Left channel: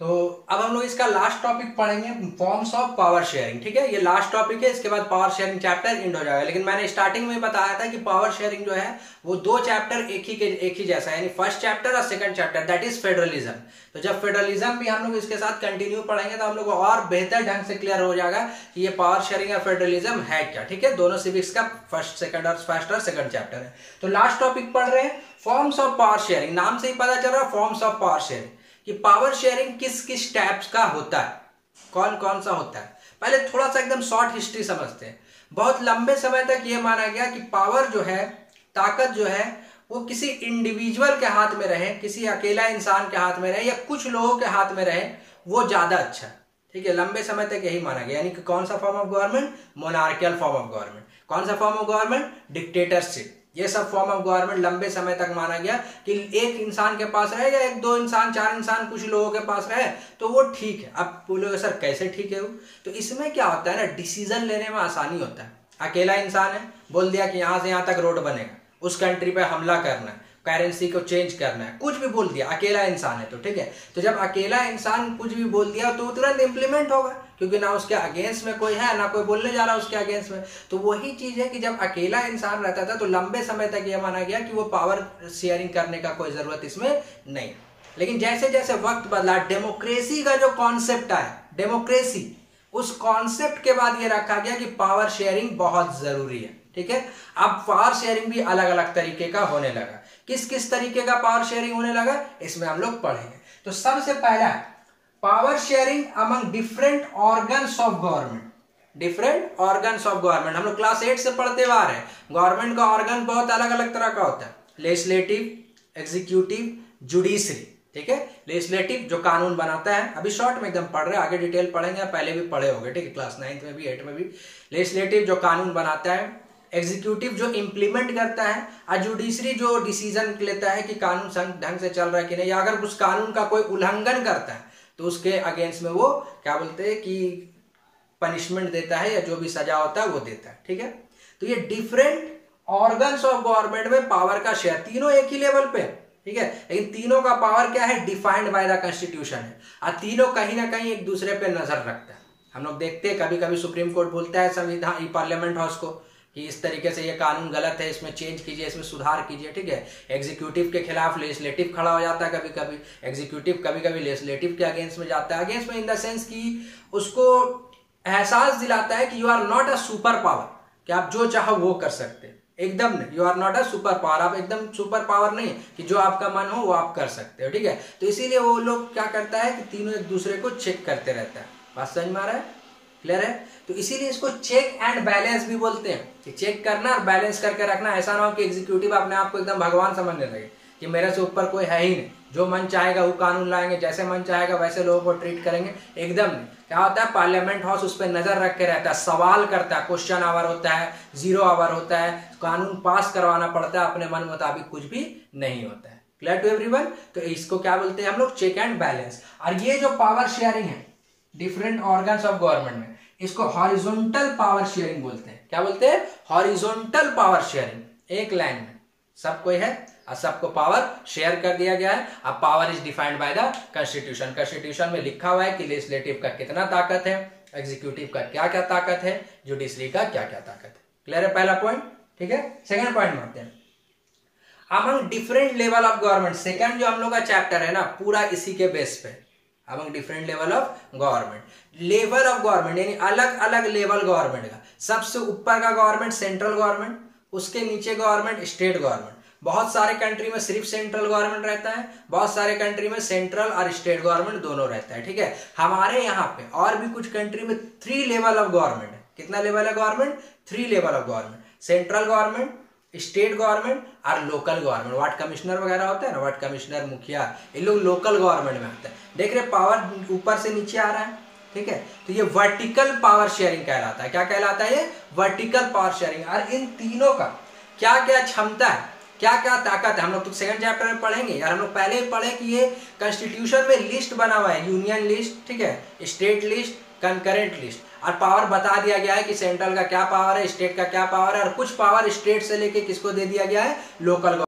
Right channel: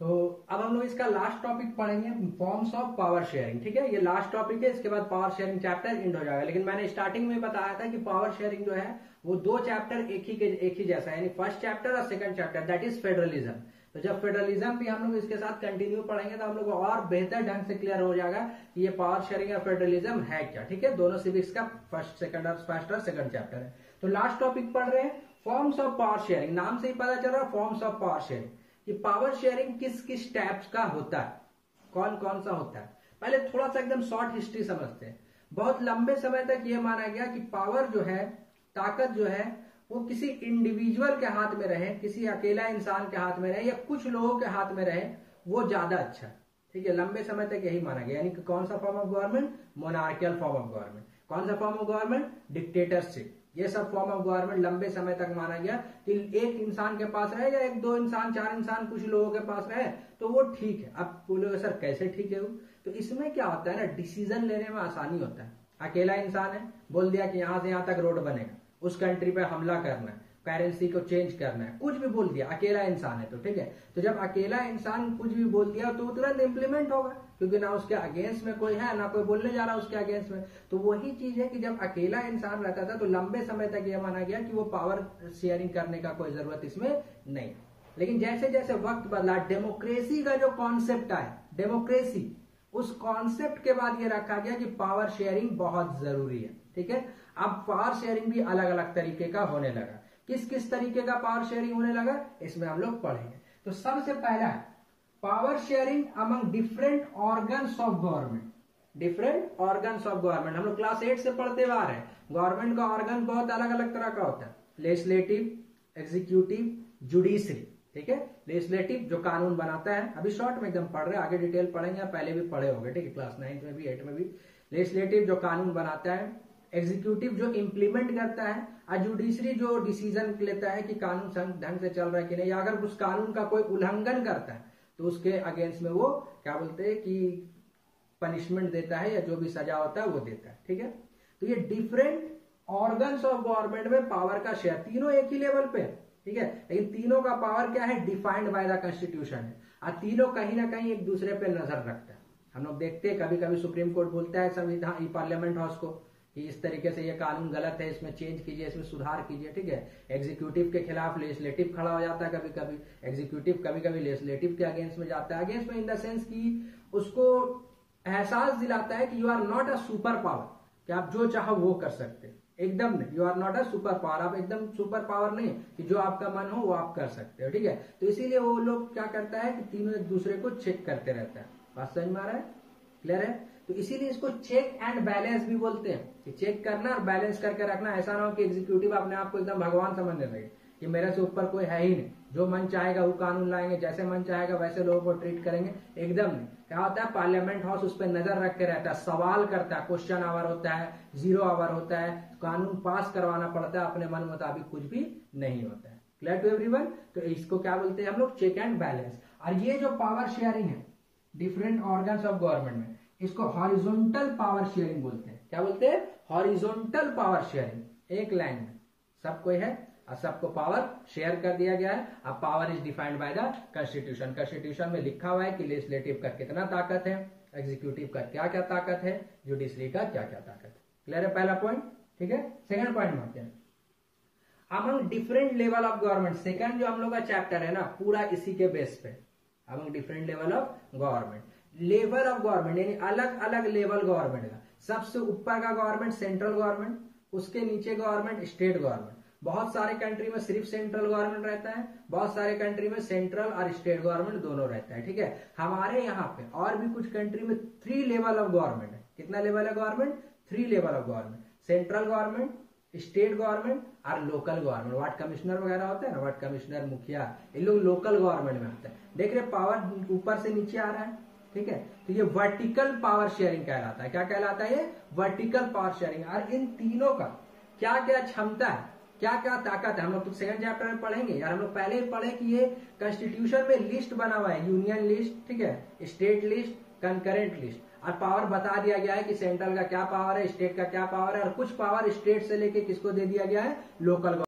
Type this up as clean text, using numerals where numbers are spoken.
तो अब हम लोग इसका लास्ट टॉपिक पढ़ेंगे, फॉर्म्स ऑफ पावर शेयरिंग। ठीक है, ये लास्ट टॉपिक है, इसके बाद पावर शेयरिंग चैप्टर एंड हो जाएगा। लेकिन मैंने स्टार्टिंग में बताया था कि पावर शेयरिंग जो है वो दो चैप्टर एक ही जैसा है, यानी फर्स्ट चैप्टर और second chapter, that is federalism. तो जब फेडरलिज्म भी हम लोग इसके साथ कंटिन्यू पढ़ेंगे तो हम लोग को और बेहतर ढंग से क्लियर हो जाएगा कि ये पावर शेयरिंग और फेडरलिज्म है क्या। ठीक है, दोनों सिविक्स का फर्स्ट और सेकंड चैप्टर है। तो लास्ट टॉपिक पढ़ रहे हैं, फॉर्म्स ऑफ पावर शेयरिंग। नाम से ही पता चल रहा है फॉर्म्स ऑफ पावर शेयरिंग कि पावर शेयरिंग किस किस टाइप्स का होता है, कौन कौन सा होता है। पहले थोड़ा सा एकदम शॉर्ट हिस्ट्री समझते हैं। बहुत लंबे समय तक ये माना गया कि पावर जो है, ताकत जो है, वो किसी इंडिविजुअल के हाथ में रहे, किसी अकेला इंसान के हाथ में रहे या कुछ लोगों के हाथ में रहे, वो ज्यादा अच्छा है। ठीक है, लंबे समय तक यही माना गया। यानी कि कौन सा form of government? Monarchial form of government. कौन सा फॉर्म ऑफ गवर्नमेंट? डिक्टेटरशिप। ये सब फॉर्म ऑफ गवर्नमेंट लंबे समय तक माना गया कि एक इंसान के पास रहे या एक दो इंसान, चार इंसान, कुछ लोगों के पास रहे तो वो ठीक है। अब बोलोगे सर कैसे ठीक है वो? तो इसमें क्या होता है ना, डिसीजन लेने में आसानी होता है। अकेला इंसान है, बोल दिया कि यहाँ से यहाँ तक रोड बनेगा, उस कंट्री पे हमला करना है, करेंसी को चेंज करना है, कुछ भी बोल दिया, अकेला इंसान है तो ठीक है। तो जब अकेला इंसान कुछ भी बोल दिया तो तुरंत इंप्लीमेंट होगा, क्योंकि ना उसके अगेंस्ट में कोई है, ना कोई बोलने जा रहा है उसके अगेंस्ट में। तो वही चीज है कि जब अकेला इंसान रहता था तो लंबे समय तक यह माना गया कि वो पावर शेयरिंग करने का कोई जरूरत इसमें नहीं। लेकिन जैसे जैसे वक्त बदला, डेमोक्रेसी का जो कॉन्सेप्ट आया, डेमोक्रेसी, उस कॉन्सेप्ट के बाद ये रखा गया कि पावर शेयरिंग बहुत जरूरी है। ठीक है, अब पावर शेयरिंग भी अलग अलग तरीके का होने लगा। किस किस तरीके का पावर शेयरिंग होने लगा इसमें हम लोग पढ़ेंगे। तो सबसे पहला power sharing among different organs of government. Different organs of government हम लोग क्लास 8 से पढ़ते आ रहे हैं। गवर्नमेंट का ऑर्गन बहुत अलग अलग तरह का होता है, लेजिस्लेटिव, एग्जीक्यूटिव, जुडिशरी। ठीक है, लेजिस्लेटिव जो कानून बनाता है, अभी शॉर्ट में एकदम पढ़ रहे हैं, आगे डिटेल पढ़ेंगे, पहले भी पढ़े होंगे। ठीक है, क्लास 9 में भी 8 में भी। लेजिस्लेटिव जो कानून बनाता है, एग्जीक्यूटिव जो इंप्लीमेंट करता है, और जुडिशरी जो डिसीजन लेता है कि कानून ढंग से चल रहा है कि नहीं, या अगर उस कानून का कोई उल्लंघन करता है तो उसके अगेंस्ट में वो क्या बोलते हैं कि पनिशमेंट देता है, या जो भी सजा होता है वो देता है। ठीक है, तो ये डिफरेंट ऑर्गन्स ऑफ गवर्नमेंट में पावर का शेयर, तीनों एक ही लेवल पे। ठीक है, लेकिन तीनों का पावर क्या है? डिफाइंड बाय द कॉन्स्टिट्यूशन है, और तीनों कहीं ना कहीं एक दूसरे पे नजर रखता है। हम लोग देखते हैं कभी कभी सुप्रीम कोर्ट बोलता है संविधान, पार्लियामेंट हाउस को, कि इस तरीके से ये कानून गलत है, इसमें चेंज कीजिए, इसमें सुधार कीजिए। ठीक है, एग्जीक्यूटिव के खिलाफ लेजिस्लेटिव खड़ा हो जाता है, कभी कभी एग्जीक्यूटिव कभी कभी लेजिस्लेटिव के अगेंस्ट में जाता है। अगेंस्ट में इन द सेंस कि उसको एहसास दिलाता है कि you are not a super power, कि आप जो चाहो वो कर सकते हैं। एकदम नहीं, you are not a super power, आप एकदम सुपर पावर नहीं कि जो आपका मन हो वो आप कर सकते हो। ठीक है, तो इसीलिए वो लोग क्या करता है कि तीनों एक दूसरे को चेक करते रहता है। बात समझ में आ रहा है? क्लियर है? तो इसीलिए इसको चेक एंड बैलेंस भी बोलते हैं, कि चेक करना और बैलेंस करके रखना। ऐसा ना हो कि एग्जीक्यूटिव अपने आप को एकदम भगवान समझने लगे कि मेरे से ऊपर कोई है ही नहीं, जो मन चाहेगा वो कानून लाएंगे, जैसे मन चाहेगा वैसे लोगों को ट्रीट करेंगे। एकदम नहीं। क्या होता है, पार्लियामेंट हाउस उस पर नजर रख के रहता है, सवाल करता है, क्वेश्चन आवर होता है, 0 आवर होता है, कानून पास करवाना पड़ता है, अपने मन मुताबिक कुछ भी नहीं होता है। Clear to everyone? तो इसको क्या बोलते हैं हम लोग? Check and balance. और ये जो पावर शेयरिंग है डिफरेंट ऑर्गन्स ऑफ गवर्नमेंट में, इसको हॉरिजॉन्टल पावर शेयरिंग बोलते हैं। क्या बोलते हैं? Horizontal power sharing. एक लाइन में सब कोई है और सबको पावर शेयर कर दिया गया है। अब power is defined by the constitution. Constitution में लिखा हुआ है कि लेजिस्लेटिव का कितना ताकत है, एग्जीक्यूटिव का क्या क्या ताकत है, जुडिशरी का क्या क्या ताकत है। क्लियर है पहला पॉइंट? ठीक है, सेकंड पॉइंट में आते हैं। Among different level of government, second जो हम लोग का चैप्टर है ना, पूरा इसी के बेस पे। Among different level of government, level of government यानी अलग अलग लेवल गवर्नमेंट का। सबसे ऊपर का गवर्नमेंट सेंट्रल गवर्नमेंट, उसके नीचे गवर्नमेंट स्टेट गवर्नमेंट। बहुत सारे कंट्री में सिर्फ सेंट्रल गवर्नमेंट रहता है, बहुत सारे कंट्री में सेंट्रल और स्टेट गवर्नमेंट दोनों रहता है। ठीक है, हमारे यहाँ पे और भी कुछ कंट्री में 3 लेवल ऑफ गवर्नमेंट है। कितना लेवल है government? 3 level of government, central government, state government और लोकल गवर्नमेंट। वार्ड कमिश्नर वगैरह होता है ना, वार्ड कमिश्नर, मुखिया, ये लोग लोकल गवर्नमेंट में आते हैं। देख रहे पावर ऊपर से नीचे आ रहा है। ठीक है, तो ये वर्टिकल पावर शेयरिंग कहलाता है। क्या कहलाता है? ये वर्टिकल पावर शेयरिंग। और इन तीनों का क्या क्या क्षमता है, क्या क्या ताकत है, हम लोग तो सेकंड चैप्टर में पढ़ेंगे यार। हम लोग पहले ही पढ़े कि ये कॉन्स्टिट्यूशन में लिस्ट बना हुआ है, यूनियन लिस्ट, ठीक है, स्टेट लिस्ट, कंकरेंट लिस्ट, और पावर बता दिया गया है कि सेंट्रल का क्या पावर है, स्टेट का क्या पावर है, और कुछ पावर स्टेट से लेके किसको दे दिया गया है? लोकल